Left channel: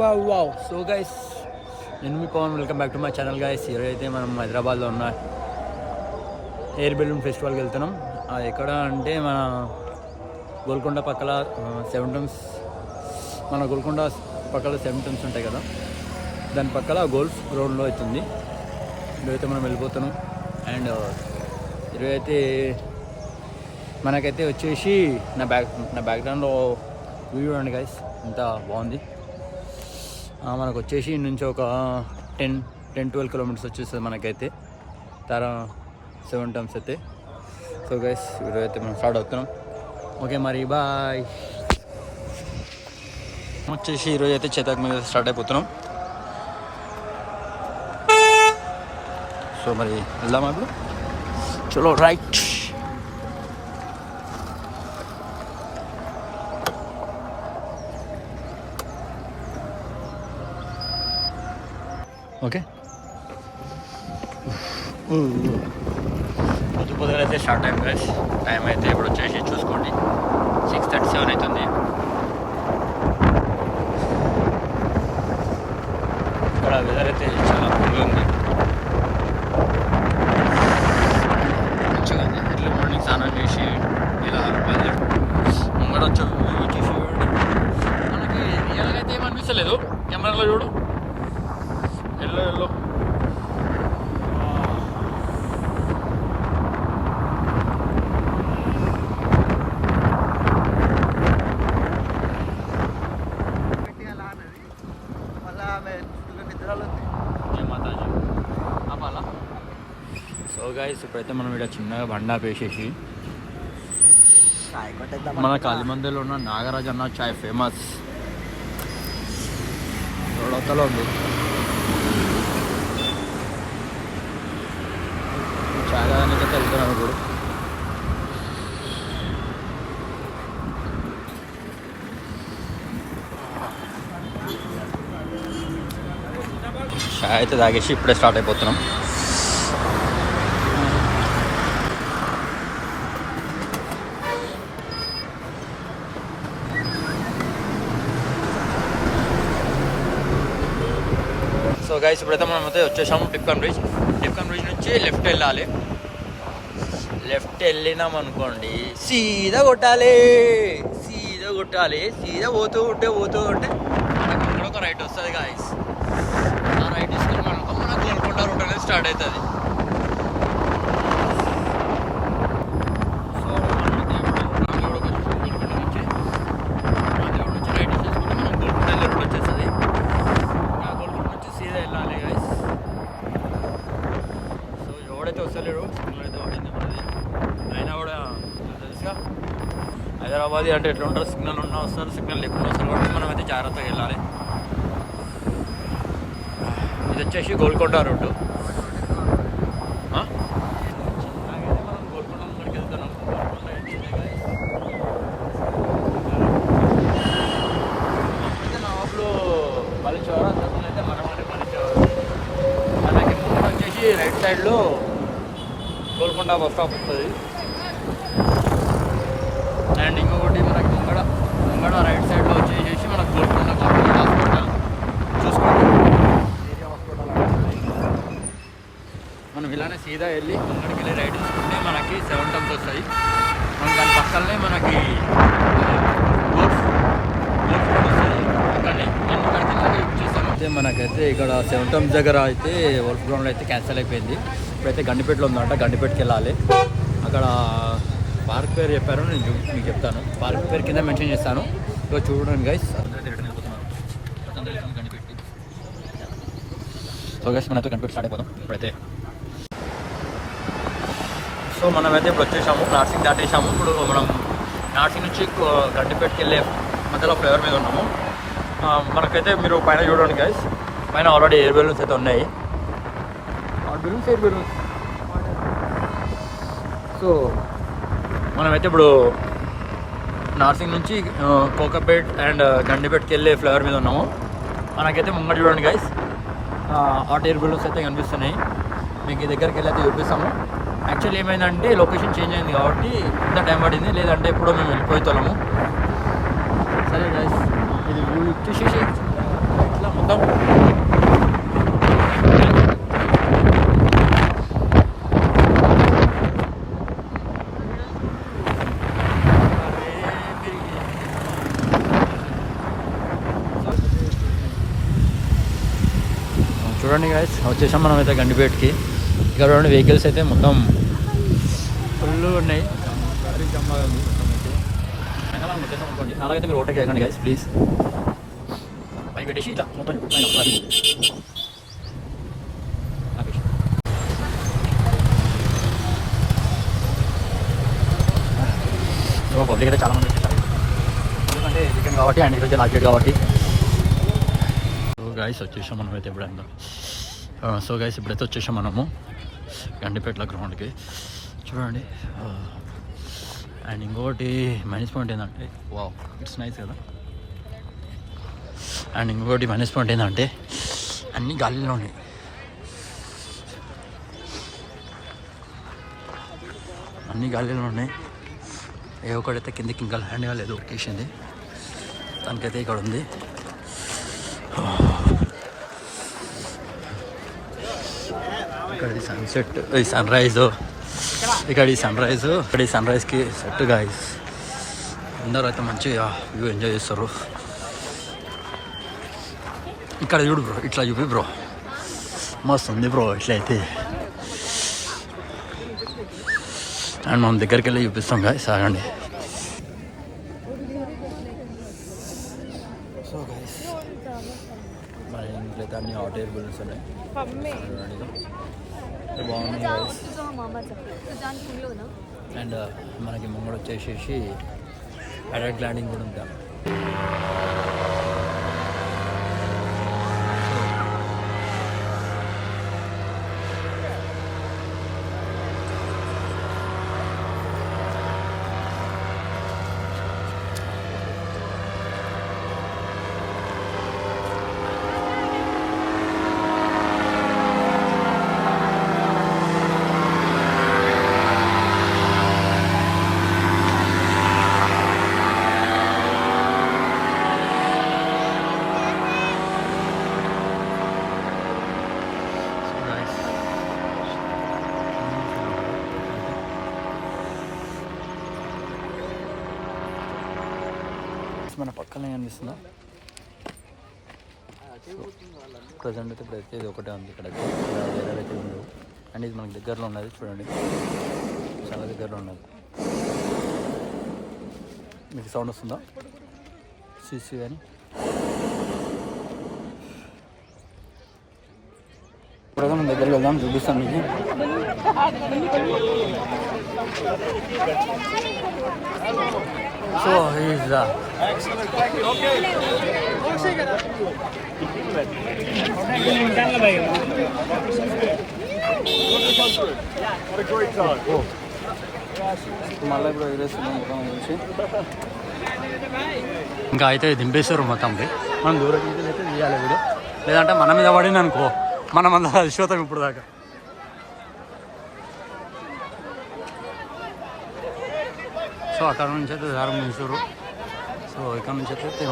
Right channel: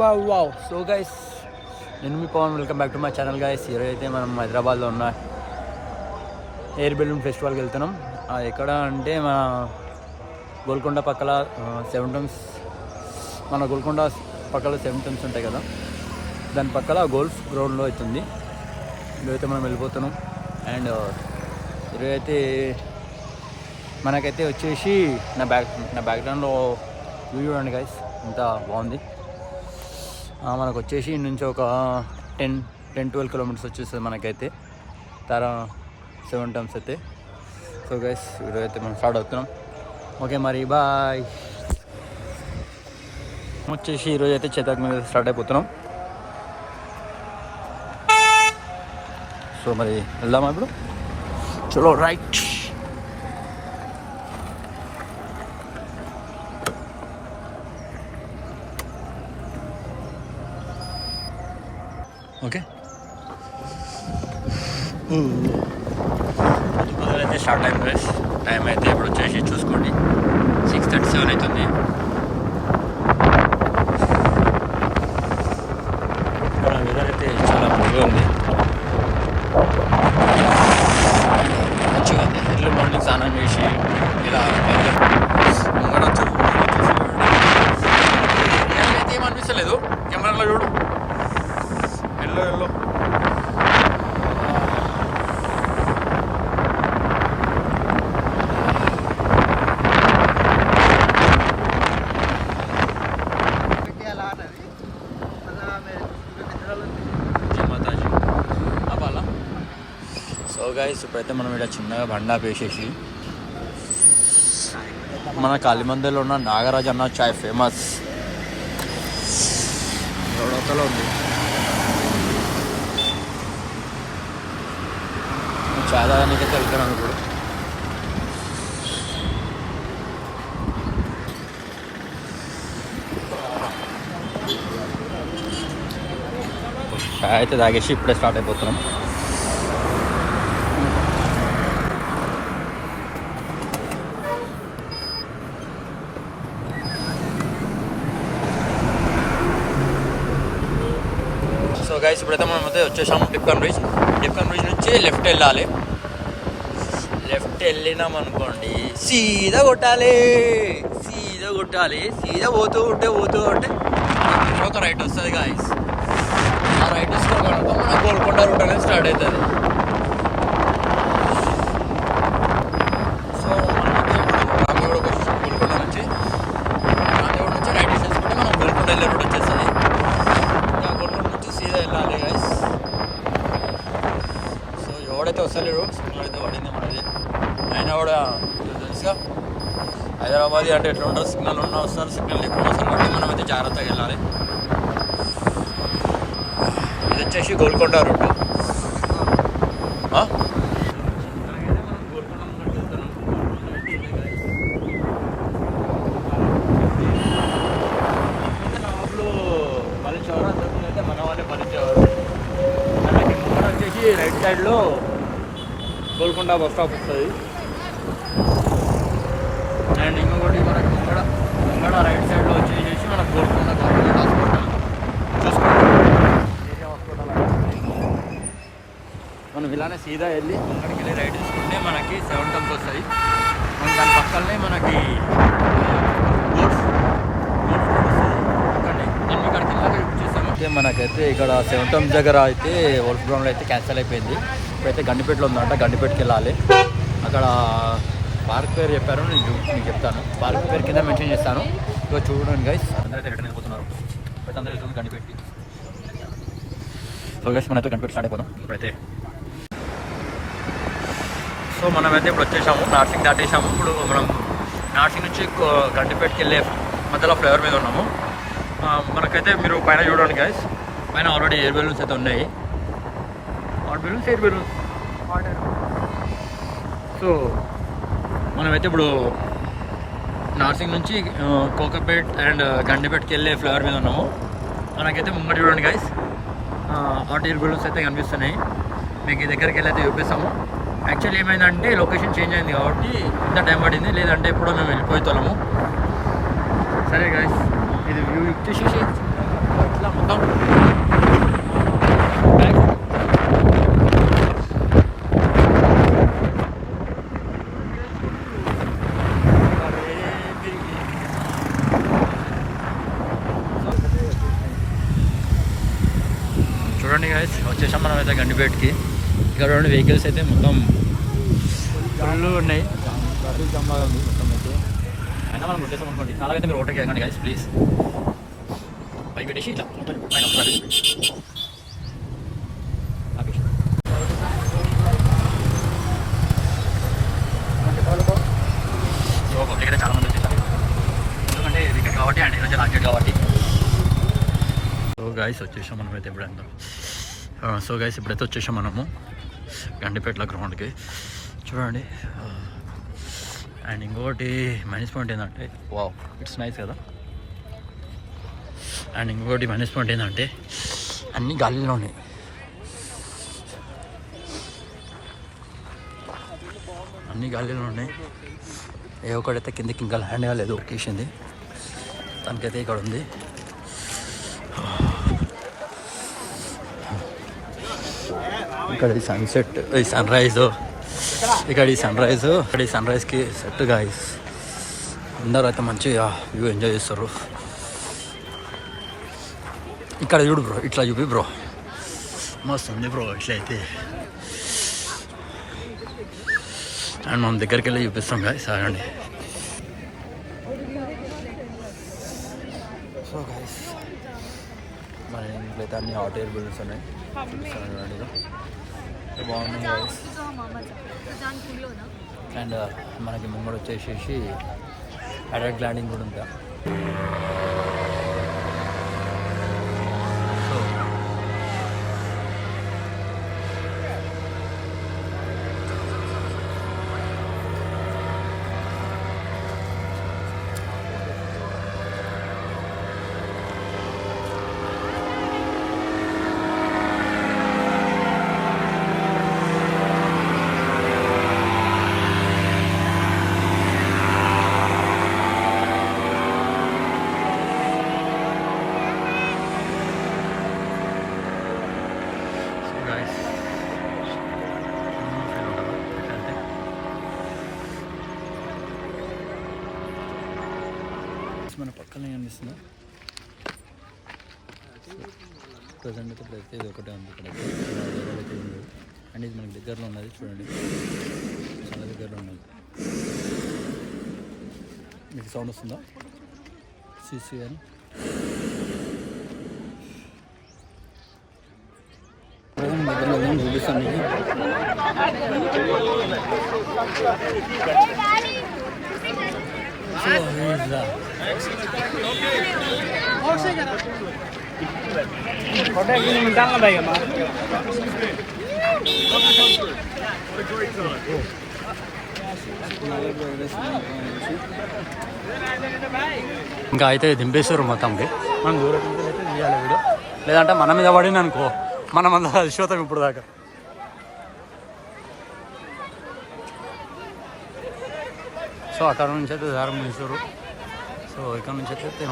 Wow so guys, నేను మీ Pavan. Welcome back to my channel guys. ఈరోజు అయితే మనం హైదరాబాద్లో ఉన్న ఎయిర్ బెలూన్ ఫెస్టివల్కి వెళ్తున్నాం. అది ఎక్కడ అంటే మన గోల్కొండ పక్కల సెవెన్ టైమ్స్, మన గోల్కొండ పక్కల సెవెన్ టైమ్స్ ఉంటాయి కదా, దాని పక్కల గోల్ఫ్ గ్రౌండ్లో అవుతుంది. ఈరోజైతే మనం వెళ్ళిపోతున్నాం. అండ్ ఈరోజు అయితే మనకైతే వచ్చేసి నా బ్యాక్గ్రౌండ్లో వ్యూ చూడండి గైస్, ఇంత బాగుంది. మనకు వచ్చేసి నుంచి ఒక 10-12 కిలోమీటర్స్ వచ్చేస్తుంది మనకైతే సెవెన్ టైమ్స్ అయితే. సో గైస్, ఈరోజు అయితే మనం స్టార్ట్ అవుతున్నాం. ఓకే మరి బాయ్. వచ్చేసి ఈరోజు అయితే చేతక్ మీద స్టార్ట్ అయిపోతున్నాం. సో మరి వెళ్దామా ఇప్పుడు? చలో రైట్. ఓకే, అయితే స్టార్ట్ టైం గైస్. టైం అయితే ఇప్పుడు వచ్చేసి చూసుకోండి 6:37 అవుతుంది. ఇక్కడ వెదర్ అయితే చాలా మంచిగా ఉంది. మంచిగా ఉంది. ఎర్లీ మార్నింగ్ స్నానం చేసి ఇలా ముంగడ చూసి రియల్గా అయితే ఏమనిపిస్తలేదు. కెమెరాలో చూడు, ఎల్లో అలా. సో గైస్, ఇప్పుడైతే మనం ఇక్కడ చిన్నగా బండా వేసేసి మన కాలిమందిలో ఉన్న నాగరాజ్ అన్న చాయ్ ఫేమస్ రోడవతలో ఉంది. చాయ్ తాగడానికి అయితే వెళ్తున్నాను ఇప్పుడు. చాయ్ అయితే తాగేసి ఇప్పుడే స్టార్ట్ అయిపోతున్నాం. సో గైస్, ఇప్పుడైతే మనం అయితే వచ్చేసాము టిప్కాన్ బ్రిడ్జ్. టిప్కాన్ బ్రిడ్జ్ నుంచి లెఫ్ట్ వెళ్ళాలి. లెఫ్ట్ వెళ్ళినాం అనుకోండి, సీదా కొట్టాలి. సీదా పోతూ ఉంటే ఒక రైట్ వస్తుంది గాయస్. ఆ రైట్ వస్తుంది మన గోల్కొండ రూట్ అనేది స్టార్ట్ అవుతుంది. సో మనమైతే ఇప్పుడు గోల్కొండ నుంచి రైట్ తీసుకుంటే మనం గోల్కొండ వెళ్ళే రూట్ వచ్చేస్తుంది. ఇంకా గోల్కొండ నుంచి సీదా వెళ్ళాలి గాయస్. సో ఎవడైతే వస్తలేరు, సిగ్నల్ అయితే పడింది మనది. అయినా కూడా తెలుసుగా హైదరాబాద్ అంటే ఎట్లా ఉంటారు, సిగ్నల్ ఉన్నా వస్తారు, సిగ్నల్ లేకుండా వస్తారు. కాబట్టి మనం అయితే జాగ్రత్తగా వెళ్ళాలి. ఇది వచ్చేసి గోల్కొండ రూట్. గోల్కొండ ముందుకు వెళ్తున్నాం. ఇప్పుడైతే నా ఊళ్ళో పలిచేవారు, అంతకుముందు మన వారే పలిచేవారు. మనకి ముందు వచ్చేసి రైట్ సైడ్లో గోల్కొండ బస్ స్టాప్ వస్తుంది. అండ్ ఇంకొకటి మనకి ముంగడ రైట్ సైడ్లో వచ్చేసి మనకు గోల్కొండ గవర్నమెంట్ హాస్పిటల్ చూసుకోండి. మనం ఇలానే సీదా వెళ్ళి ముంగడికి వెళ్ళి రైట్ తీసుకుంటే మనకి 7 టైమ్స్ వస్తుంది. మనం దాని పక్కనే మనకి గోల్ఫ్ రోడ్ వస్తుంది. అక్కడనే మనం అక్కడికి చేస్తాము. అయితే మనకైతే ఇక్కడ 7 టైమ్స్ దగ్గర అయితే గోల్ఫ్ గ్రౌండ్లో అయితే క్యాన్సిల్ అయిపోయింది. ఇప్పుడైతే గండిపేటలో ఉందంట, గండిపేటకి వెళ్ళాలి. అక్కడ పార్క్ పేరు చెప్పారు, నేను మీకు చెప్తాను. పార్క్ పేరు కింద మెన్షన్ చేస్తాను. ఇక్కడ చూడండి గైస్, అందరూ రిటర్న్ వెళ్ళిపోతున్నారు. గండిపేట. సో గైస్, మనమైతే గండిపేట స్టార్ట్ అయిపోతాం ఇప్పుడైతే. సో మనమైతే ఇప్పుడు వచ్చేసాము, నార్సింగ్ దాటేసాము. ఇప్పుడు మనం నార్సింగ్ నుంచి గండిపేటకి వెళ్ళే మధ్యలో ఫ్లేవర్ మీద ఉన్నాము. మనకైతే మీరు పైన చూడండి గైస్, పైన ఆల్రెడీ ఎయిర్ బెలూన్స్ అయితే ఉన్నాయి. Air balloons. సో మనమైతే ఇప్పుడు నార్సింగ్ నుంచి కోకాపేట్ అండ్ గండిపేటకి వెళ్ళే ఫ్లేవర్ మీద ఉన్నాము. మనకైతే ముంగట చూడండి గైస్, హాట్ ఎయిర్ బెలూన్స్ అయితే కనిపిస్తున్నాయి. మీకు ఈ దగ్గరికి వెళ్ళి అయితే చూపిస్తాము. యాక్చువల్లీ ఏమైందంటే లొకేషన్ చేంజ్ అయింది కాబట్టి ఇంత టైం పడింది, లేదంటే ఎప్పుడో మేము వెళ్ళిపోతాము. సరే గైస్, ఇది వ్యూ వచ్చేసి చూడండి గాయస్ వచ్చేసాం మనం అయితే గండిపేటకి. ఇక్కడ రెండు వెహికల్స్ అయితే మొత్తం ఫుల్ ఉన్నాయి. జంబాగా ఉంది మొత్తం అయితే. అయినా మనం వచ్చేసాం అనుకోండి. అలాగైతే మీరు ఓటకి వెళ్ళండి గాయస్ ప్లీజ్. పై పెట్టేసి ఇట్లా పబ్లిక్ అయితే చాలా మంది వచ్చేసారు. ఎందుకంటే రిటర్న్ కాబట్టి అండ్ ఈరోజు లాస్ట్ డేట్ కాబట్టి. సో గాయస్ వచ్చేసాం మనం అయితే ఎప్పుడన్నా. సో గాయస్ ఇప్పుడైతే వచ్చేసాం మనము గండిపేటల గ్రౌండ్కి. చూడండి. అండ్ ఇంకొకటి మైనస్ పాయింట్ ఏంటంటే వావ్ ఇట్స్ నైస్ కదా. అండ్ ఇంకొకటి మైనస్ పాయింట్ ఏంటంటే అన్ని గాలిలో ఉన్నాయి. అన్ని గాలిలో ఉన్నాయి. ఏ ఒకటైతే కిందకి ఇంకా ల్యాండ్ కాలేదు. ఒకేసింది తనకైతే ఇక్కడ ఉంది. ఇక్కడ ఈ సన్సెట్, ఈ సన్ రైజ్, ఇక్కడ ఈ సన్ రైజ్కి సెట్ గాయస్. అందరూ అయితే మంచిగా వ్యూ ఎంజాయ్ చేస్తారు. ఇక్కడ చూడు బ్రో, ఇట్లా చూపి బ్రో, మస్తు ఉంది బ్రో ఇట్లా అయితే. అండ్ మనం దగ్గరికి వెళ్ళి చూపిస్తాం గాయస్. ఆగండి. సో గాయస్ మన ఇంట్లో అయితే అన్ని హాట్ ఎయిర్ బలూన్స్ ఉన్నాయి. చూడండి బాగున్నాయి గాయస్. అండ్ మనకి ముంగడు వచ్చేసేసి అడల్ట్ ల్యాండింగ్ కూడా ఉంటా. మన పక్కనే కనిపిస్తుందా ప్రజెంట్ అయితే ఇప్పుడైతే ఇది ఒకటే ఉంది ఇక్కడ. అండ్ ఇది మనకి దగ్గరలో ఉన్నది చూడండి, చాలా దగ్గరలో ఉన్నది. మీకు సౌండ్ వస్తుందా సీసీ అని? ఇప్పుడు మనం దగ్గరికి వెళ్దాం, చూపిస్తాను మీకు. So he's excellent. Okay. What a great time. ఇంకా అయితే దింపేశ్వరం మొత్తంకి మనం దూరం నుంచి అయితే తీయాలి వీడియో, లేదంటే మన మీద పడింది అనుకో మనం అంతా అలసిపోతాం ఇప్పుడు దాకా. సో అక్కడ నుంచి అయితే దారం తీసారు. సో ఇక్కడ నుంచి అయితే